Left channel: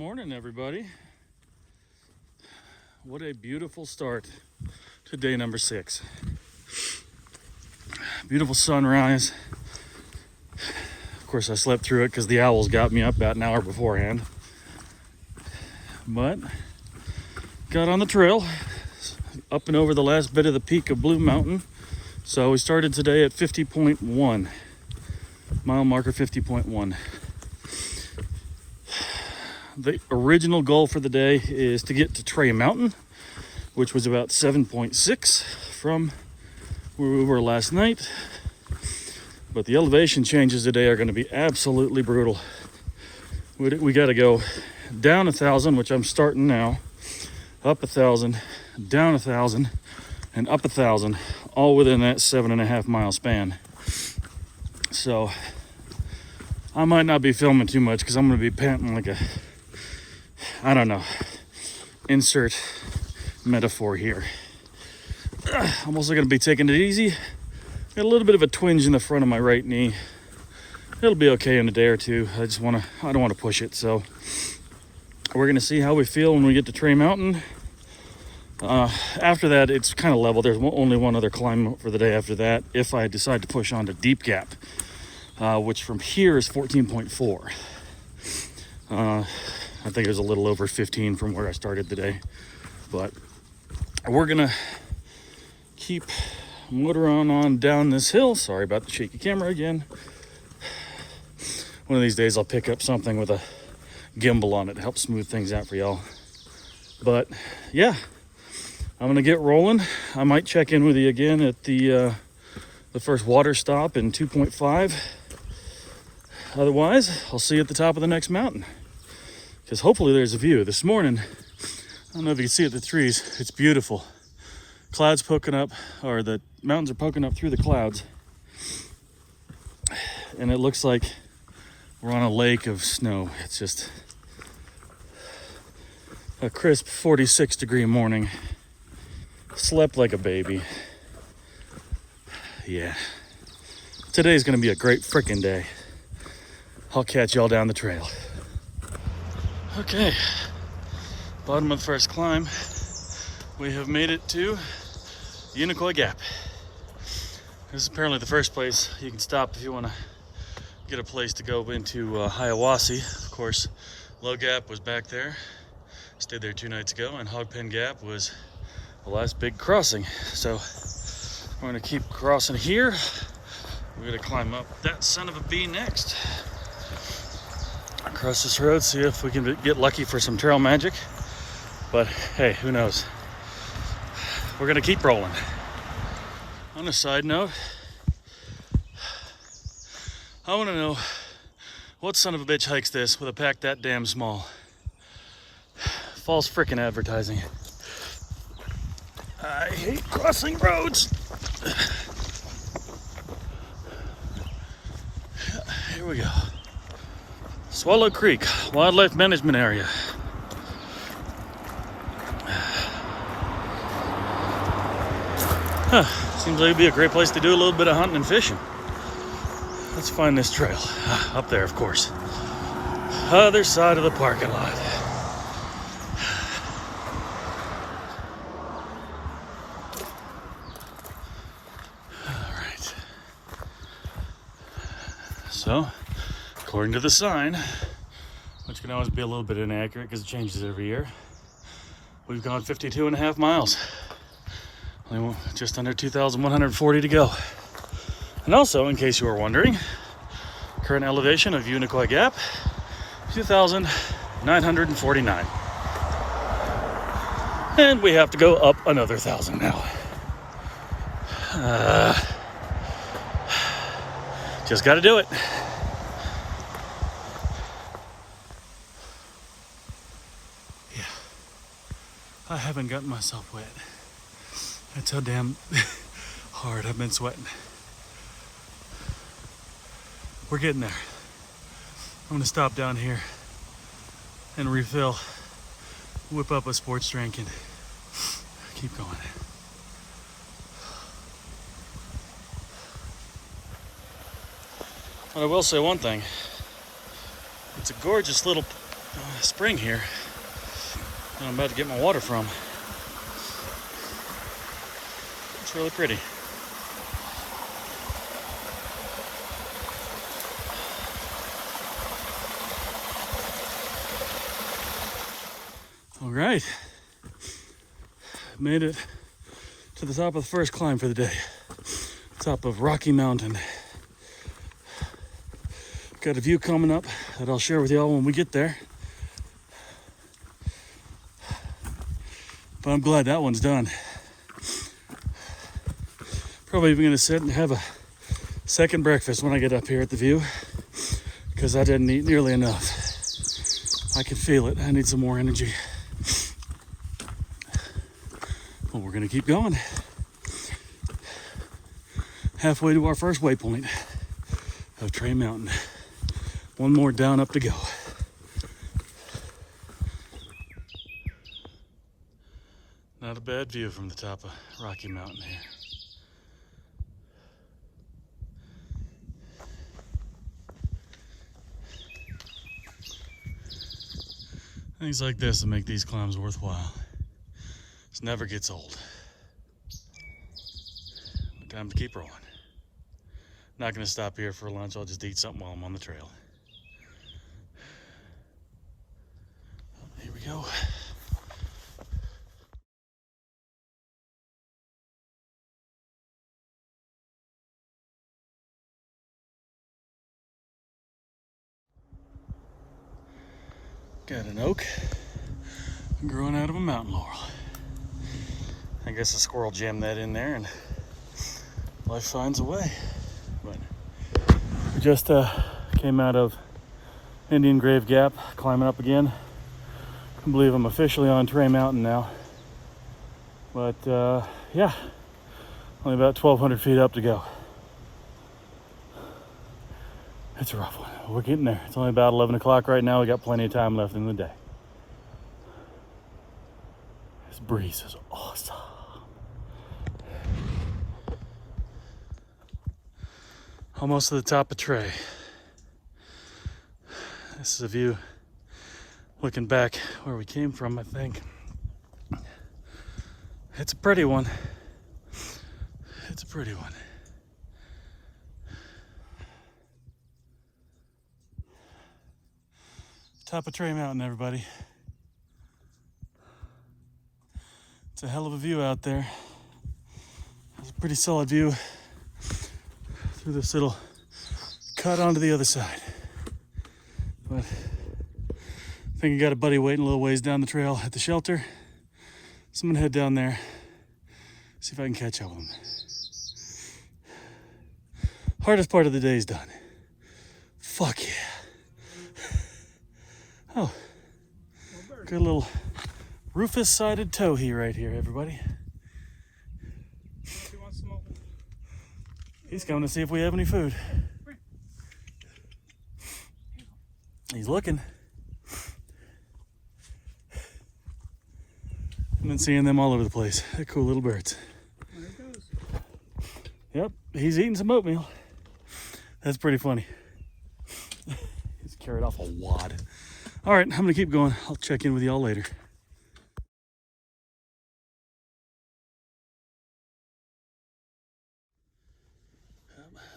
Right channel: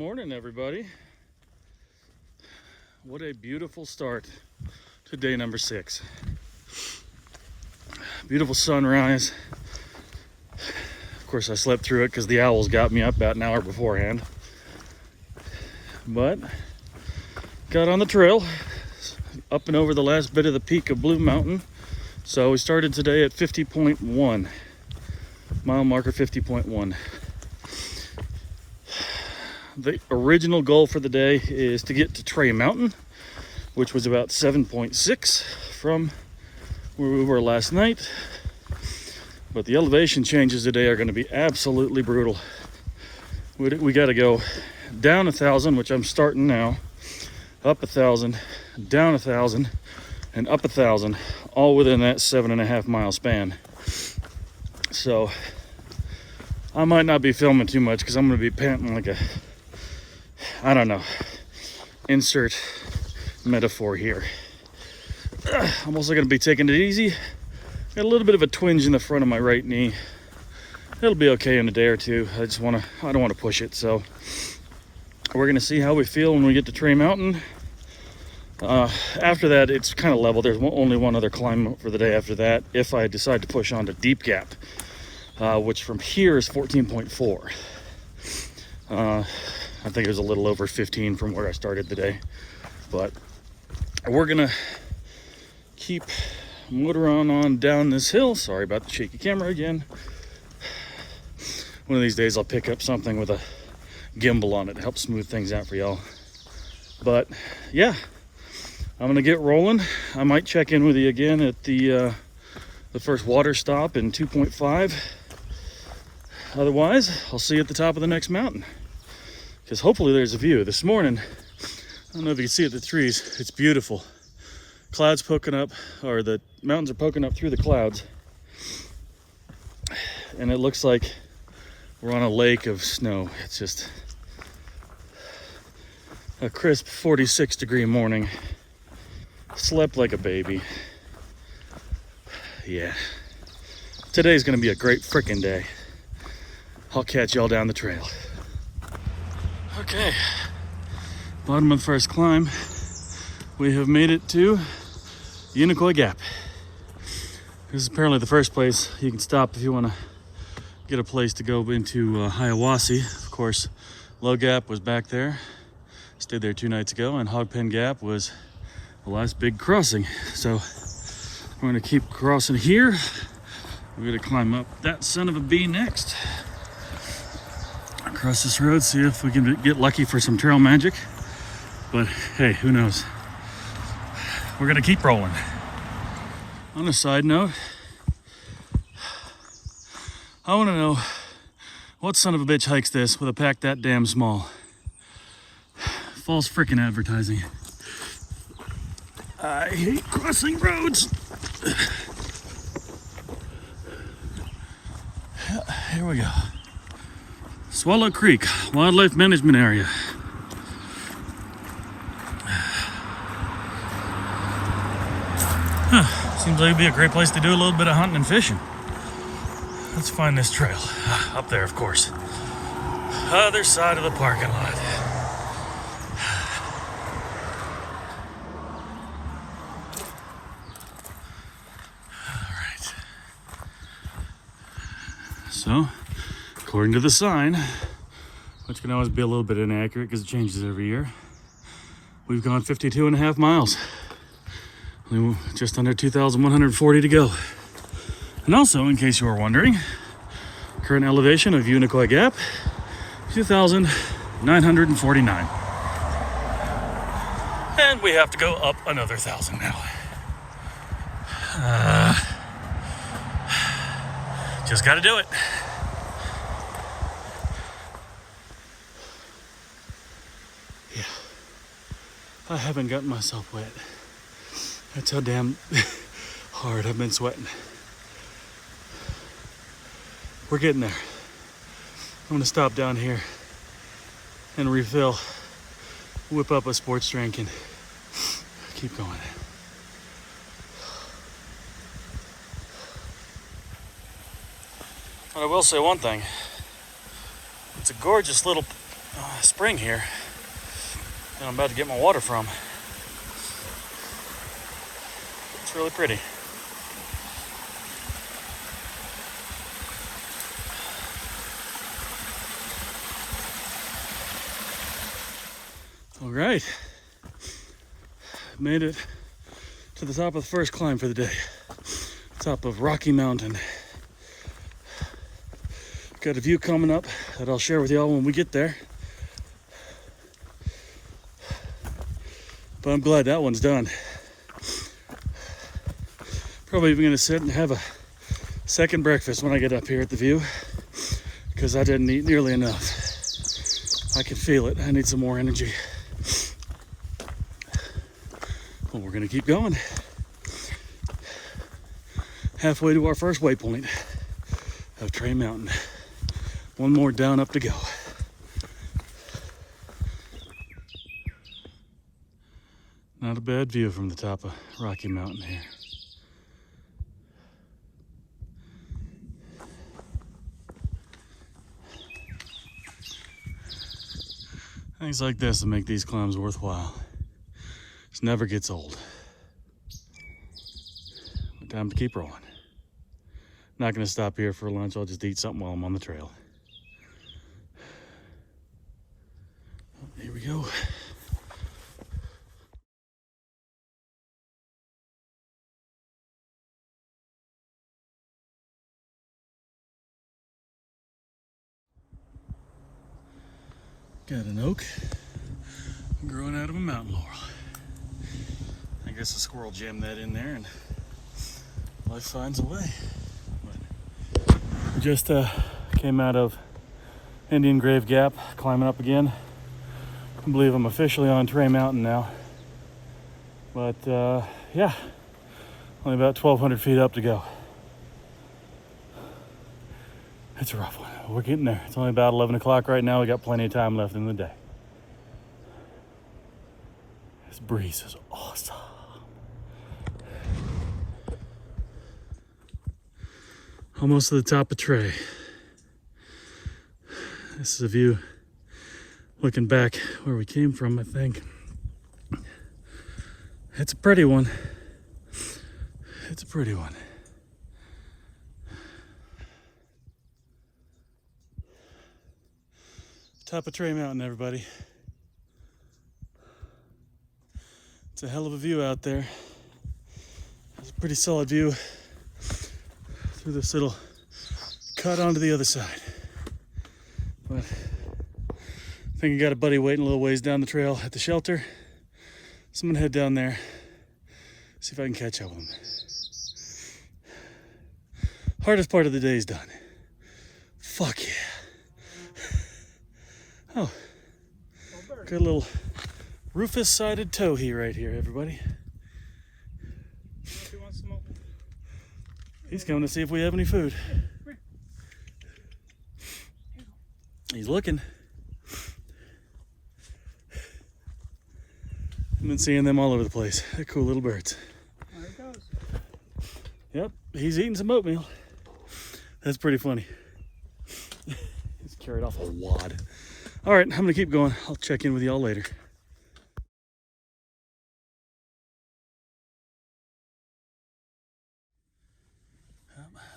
morning, everybody. What a beautiful start to day number 6. Beautiful sunrise. Of course, I slept through it because the owls got me up about an hour beforehand. But got on the trail up and over the last bit of the peak of Blue Mountain. So we started today at 50.1, mile marker 50.1. The original goal for the day is to get to Trey Mountain, which was about 7.6 from where we were last night. But the elevation changes today are going to be absolutely brutal. We got to go down 1,000, which I'm starting now, up 1,000, down 1,000, and up 1,000, all within that 7.5 mile span. So I might not be filming too much because I'm going to be panting like a, I don't know, insert metaphor here. I'm also going to be taking it easy. Got a little bit of a twinge in the front of my right knee. It'll be okay in a day or two. I don't want to push it. So we're going to see how we feel when we get to Trey Mountain. After that, it's kind of level. There's only one other climb for the day after that, if I decide to push on to Deep Gap, which from here is 14.4. I think it was a little over 15 from where I started today. But we're gonna keep motoring on down this hill. Sorry about the shaky camera again. One of these days I'll pick up something with a gimbal on it to help smooth things out for y'all. But yeah, I'm gonna get rolling. I might check in with you again at the first water stop in 2.5. Otherwise, I'll see you at the top of the next mountain. Because hopefully there's a view. This morning, I don't know if you can see it, the trees, it's beautiful. Clouds poking up, or the mountains are poking up through the clouds. And it looks like we're on a lake of snow. It's just a crisp 46-degree morning. Slept like a baby. Yeah. Today's gonna be a great frickin' day. I'll catch y'all down the trail. Okay, bottom of first climb. We have made it to Unicoi Gap. This is apparently the first place you can stop if you want to get a place to go into Hiawassee. Of course, Low Gap was back there. Stayed there 2 nights ago, and Hogpen Gap was the last big crossing. So we're gonna keep crossing here. We're gonna climb up that son of a bee next. Across this road, see if we can get lucky for some trail magic. But hey, who knows? We're gonna keep rolling. On a side note, I wanna know what son of a bitch hikes this with a pack that damn small. False frickin' advertising. I hate crossing roads. Here we go. Swallow Creek Wildlife Management Area. Seems like it'd be a great place to do a little bit of hunting and fishing. Let's find this trail. Up there, of course. Other side of the parking lot. Alright. So, according to the sign, which can always be a little bit inaccurate because it changes every year, we've gone 52.5 miles. Only just under 2,140 to go. And also, in case you were wondering, current elevation of Unicoi Gap, 2,949. And we have to go up another 1,000 now. Just gotta do it. Yeah, I haven't gotten myself wet. That's how damn hard I've been sweating. We're getting there. I'm gonna stop down here and refill, whip up a sports drink, and keep going. But I will say one thing. It's a gorgeous little spring here, and I'm about to get my water from. It's really pretty. All right, made it to the top of the first climb for the day. Top of Rocky Mountain. Got a view coming up that I'll share with y'all when we get there. But I'm glad that one's done. Probably even gonna sit and have a second breakfast when I get up here at the view, because I didn't eat nearly enough. I can feel it. I need some more energy. Well, we're gonna keep going. Halfway to our first waypoint of Trail Mountain. One more down up to go. Not a bad view from the top of Rocky Mountain here. Things like this that make these climbs worthwhile. This never gets old. Time to keep rolling. Not gonna stop here for lunch. I'll just eat something while I'm on the trail. Here we go. Got an oak growing out of a mountain laurel. I guess a squirrel jammed that in there and life finds a way. But we just came out of Indian Grave Gap, climbing up again. I can believe I'm officially on Trail Mountain now. But yeah, only about 1,200 feet up to go. It's a rough one. We're getting there. It's only about 11 o'clock right now. We got plenty of time left in the day. This breeze is awesome. Almost to the top of Tray. This is a view looking back where we came from, I think. It's a pretty one. It's a pretty one. Top of Tray Mountain, everybody. It's a hell of a view out there. It's a pretty solid view through this little cut onto the other side. But I think I got a buddy waiting a little ways down the trail at the shelter. So I'm gonna head down there, see if I can catch up with him. Hardest part of the day is done. Fuck yeah. Oh, got a little rufous-sided towhee right here, everybody. He's coming to see if we have any food. He's looking. I've been seeing them all over the place. They're cool little birds. Yep, he's eating some oatmeal. That's pretty funny. He's carried off a wad. All right, I'm gonna keep going. I'll check in with y'all later.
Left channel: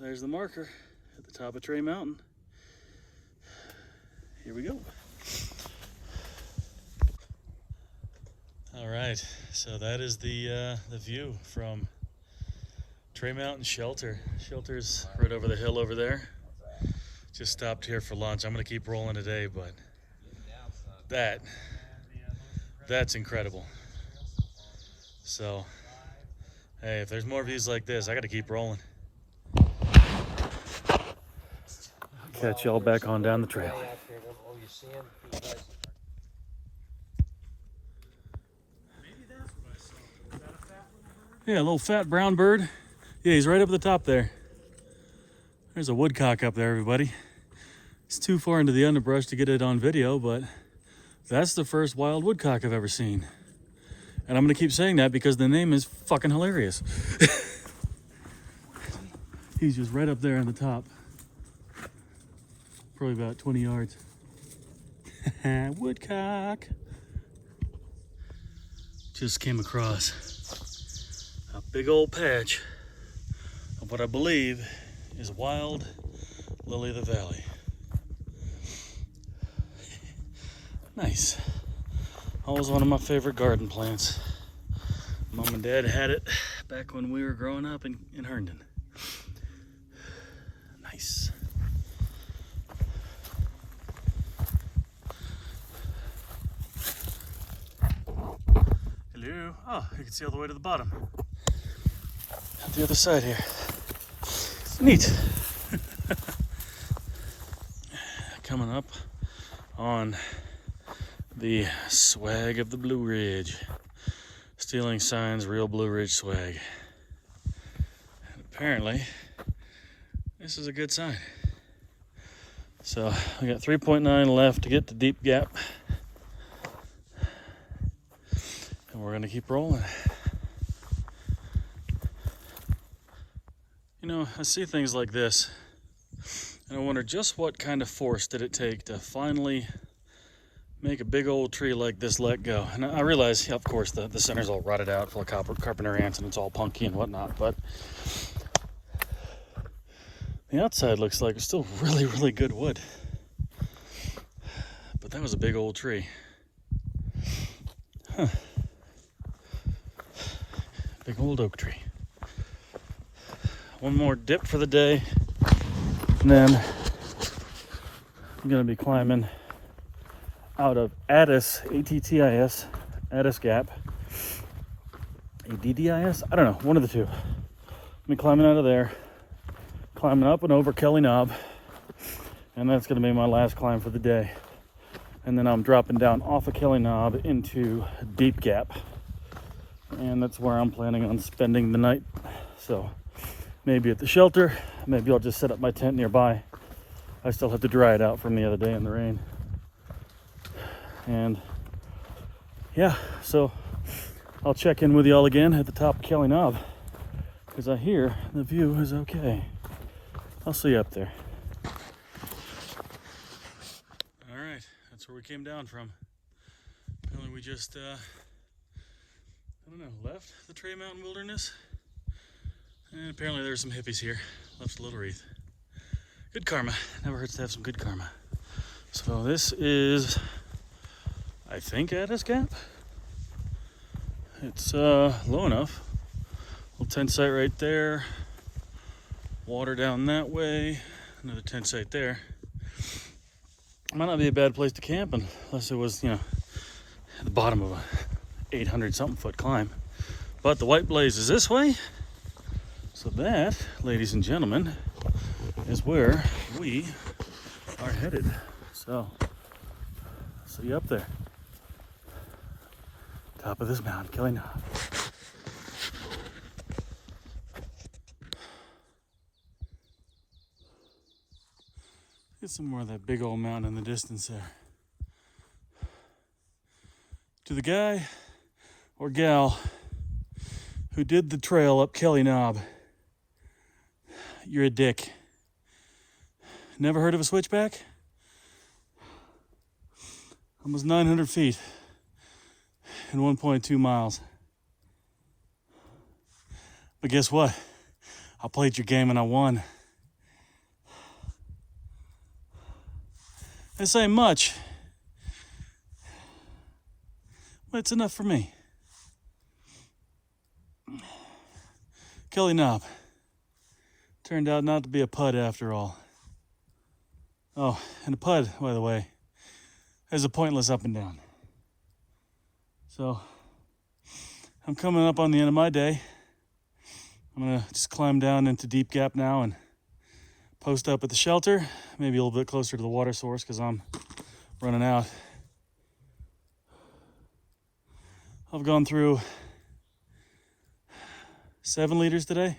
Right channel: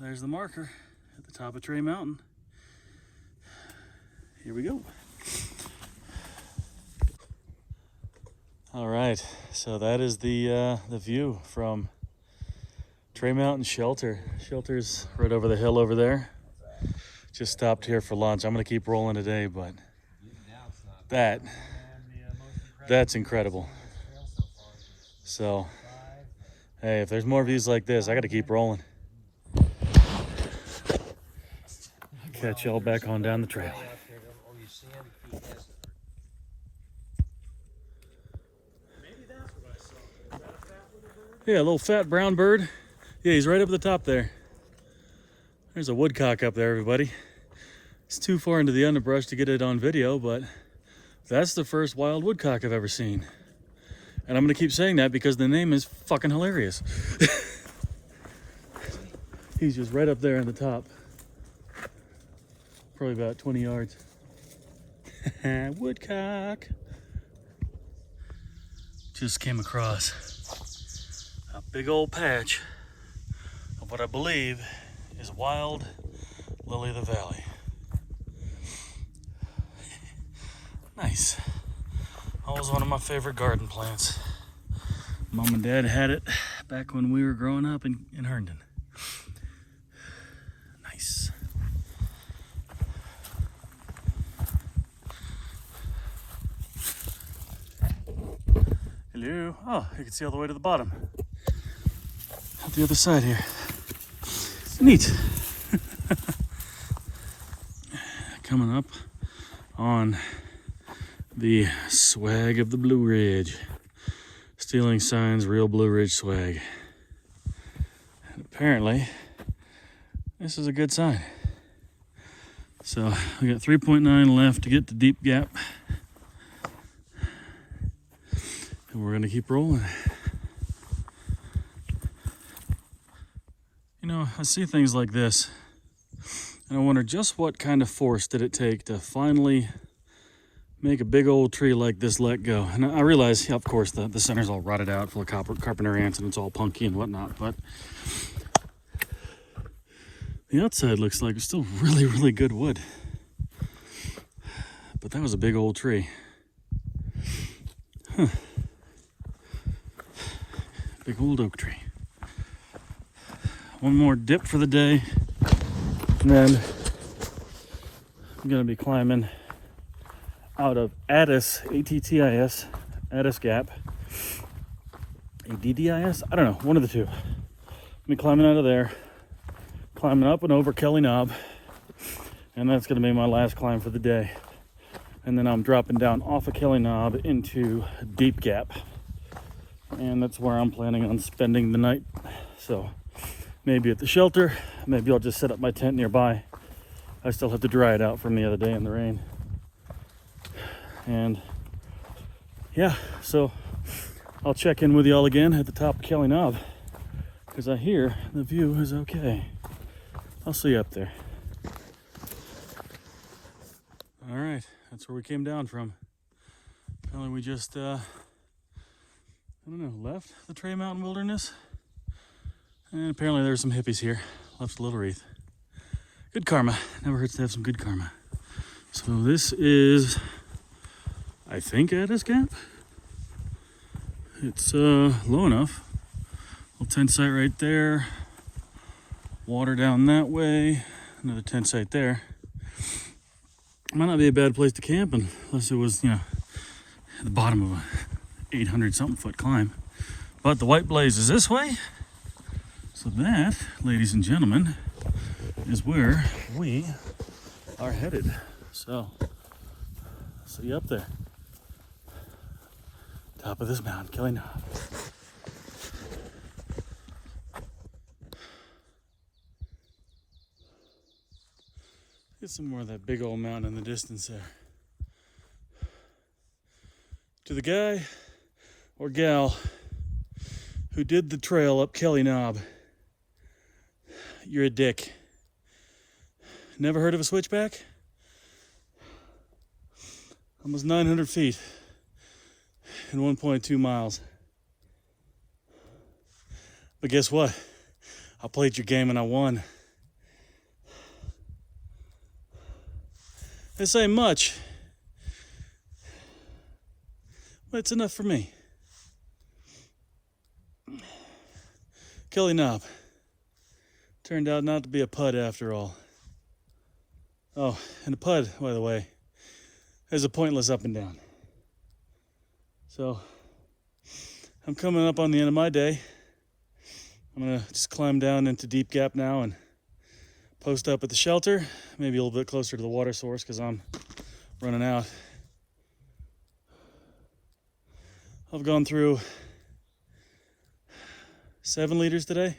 There's the marker at the top of Tray Mountain. Here we go. All right, so that is the view from Tray Mountain Shelter. Shelter's right over the hill over there. Just stopped here for lunch. I'm gonna keep rolling today, but that's incredible. So, hey, if there's more views like this, I gotta keep rolling. Catch y'all back on down the trail. Yeah, a little fat brown bird. Yeah, he's right up at the top there. There's a woodcock up there, everybody. It's too far into the underbrush to get it on video, but that's the first wild woodcock I've ever seen. And I'm gonna keep saying that because the name is fucking hilarious. He's just right up there on the top. Probably about 20 yards. Woodcock. Just came across a big old patch of what I believe is wild lily of the valley. Nice. Always one of my favorite garden plants. Mom and Dad had it back when we were growing up in Herndon. Nice. Hello. Oh, you can see all the way to the bottom. At the other side here. Neat. Coming up on the swag of the Blue Ridge. Stealing Signs Real Blue Ridge swag. And apparently, this is a good sign. So we got 3.9 left to get to Deep Gap. And we're gonna keep rolling. You know, I see things like this, and I wonder just what kind of force did it take to finally make a big old tree like this let go. And I realize, yeah, of course, the center's all rotted out, full of carpenter ants, and it's all punky and whatnot, but the outside looks like it's still really, really good wood. But that was a big old tree. Huh. Big old oak tree. One more dip for the day, and then I'm gonna be climbing out of Addis, A-T-T-I-S, Addis Gap, A-D-D-I-S, I don't know, one of the two. I'm be climbing out of there, climbing up and over Kelly Knob, and that's gonna be my last climb for the day. And then I'm dropping down off of Kelly Knob into Deep Gap, and that's where I'm planning on spending the night. So maybe at the shelter, maybe I'll just set up my tent nearby. I still have to dry it out from the other day in the rain. And yeah, so I'll check in with y'all again at the top of Kelly Knob, because I hear the view is okay. I'll see you up there. All right, that's where we came down from. Apparently we just, I don't know, left the Tray Mountain Wilderness. And apparently there's some hippies here. Left a little wreath. Good karma. Never hurts to have some good karma. So this is, I think, Addis Gap. It's low enough. Little tent site right there. Water down that way. Another tent site there. Might not be a bad place to camp unless it was, you know, at the bottom of a 800 something foot climb. But the White Blaze is this way. So that, ladies and gentlemen, is where we are headed. So, see you up there. Top of this mountain, Kelly Knob. Get some more of that big old mountain in the distance there. To the guy or gal who did the trail up Kelly Knob, you're a dick. Never heard of a switchback? Almost 900 feet in 1.2 miles. But guess what? I played your game and I won. This ain't much, but it's enough for me. Kelly Knob turned out not to be a pud after all. Oh, and a pud, by the way, is a pointless up and down. So, I'm coming up on the end of my day. I'm gonna just climb down into Deep Gap now and post up at the shelter, maybe a little bit closer to the water source because I'm running out. I've gone through 7 liters today.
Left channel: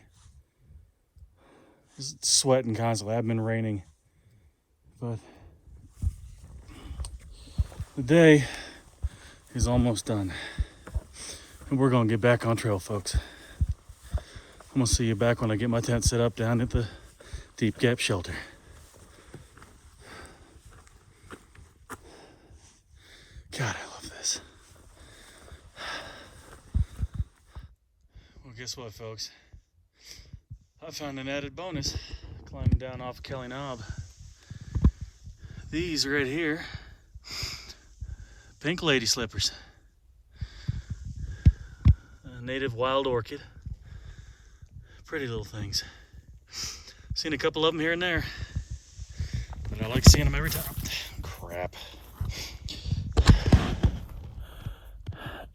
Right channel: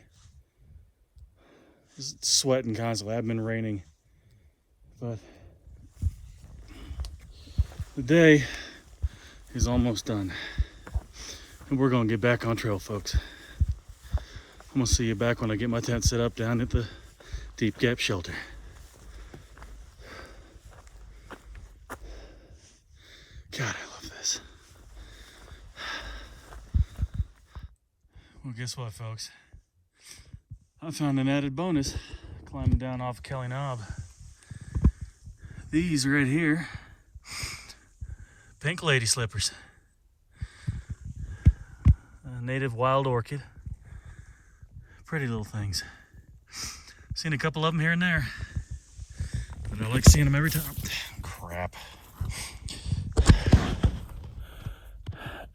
Just sweating constantly. I've been raining. But the day is almost done. And we're gonna get back on trail, folks. I'm gonna see you back when I get my tent set up down at the Deep Gap shelter. God, I love this. Well, guess what, folks? I found an added bonus climbing down off Kelly Knob. These right here, pink lady slippers. A native wild orchid. Pretty little things. Seen a couple of them here and there, but I like seeing them every time. Crap.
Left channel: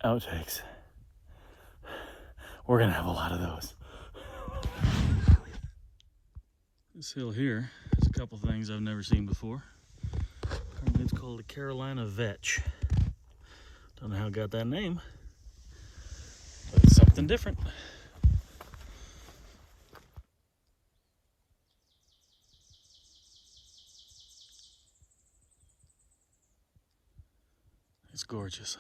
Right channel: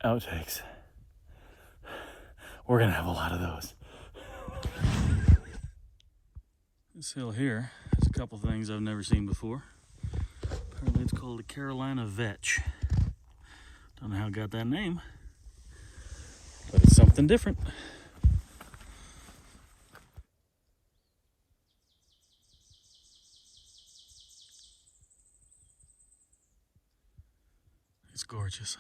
Outtakes. We're gonna have a lot of those. This hill here has a couple things I've never seen before. Apparently it's called the Carolina Vetch. Don't know how it got that name, but it's something different. It's gorgeous.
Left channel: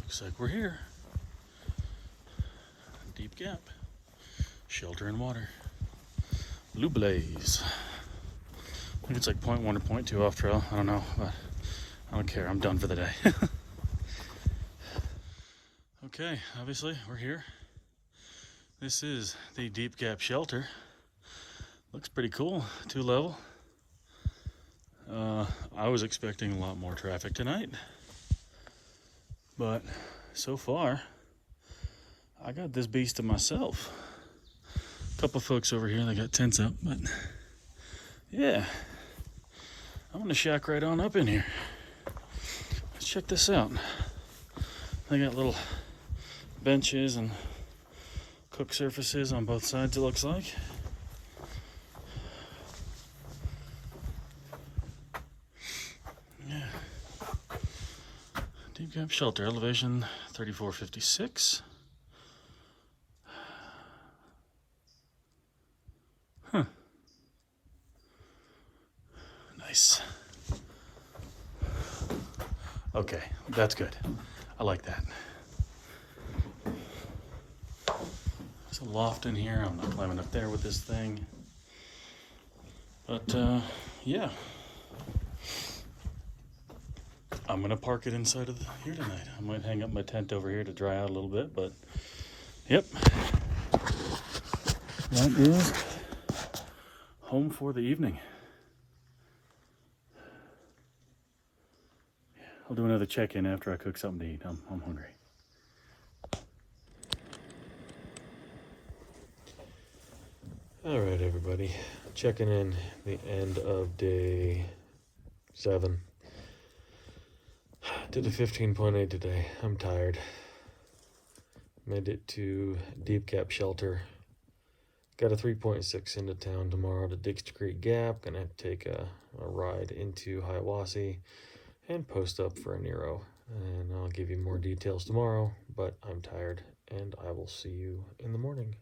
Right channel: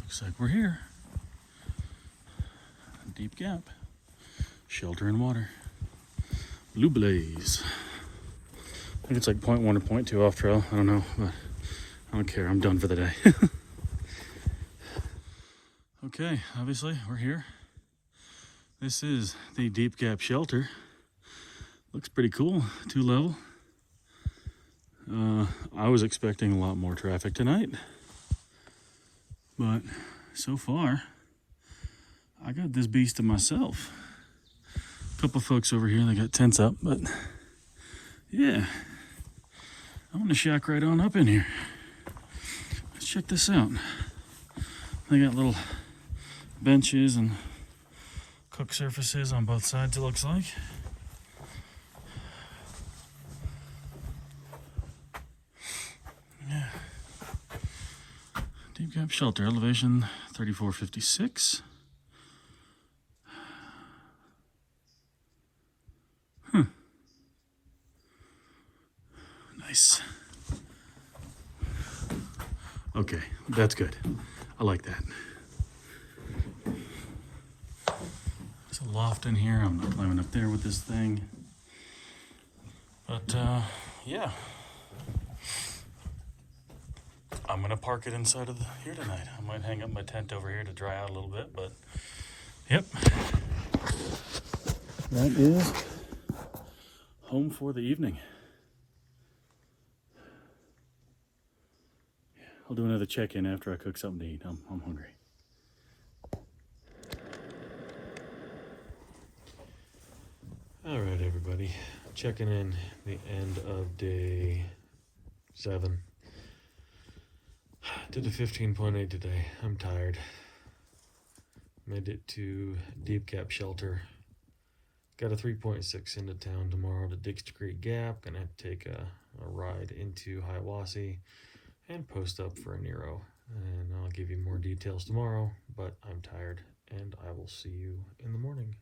Looks like we're here. Deep Gap. Shelter and water. Blue Blaze. I think it's like 0.1 or 0.2 off trail. I don't know, but I don't care. I'm done for the day. Okay, obviously we're here. This is the Deep Gap Shelter. Looks pretty cool, 2-level. I was expecting a lot more traffic tonight, but so far I got this beast to myself. A couple folks over here, they got tents up, but yeah, I'm gonna shack right on up in here. Let's check this out. They got little benches and cook surfaces on both sides, it looks like. Yeah. Deep Gap Shelter, elevation 3456. Huh. Nice. Okay, that's good. I like that. There's a loft in here. I'm not climbing up there with this thing. But yeah. I'm gonna park it inside of here tonight. I might hang up my tent over here to dry out a little bit, but yep. That is home for the evening. I'll do another check-in after I cook something to eat. I'm hungry. All right, everybody. Checking in the end of day 7. Did a 15.8 today. I'm tired. Made it to Deep Gap Shelter. Got a 3.6 into town tomorrow to Dixie Creek Gap. Gonna have to take a ride into Hiawassee and post up for a Nero. And I'll give you more details tomorrow, but I'm tired and I will see you in the morning.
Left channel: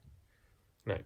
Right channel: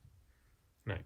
Night.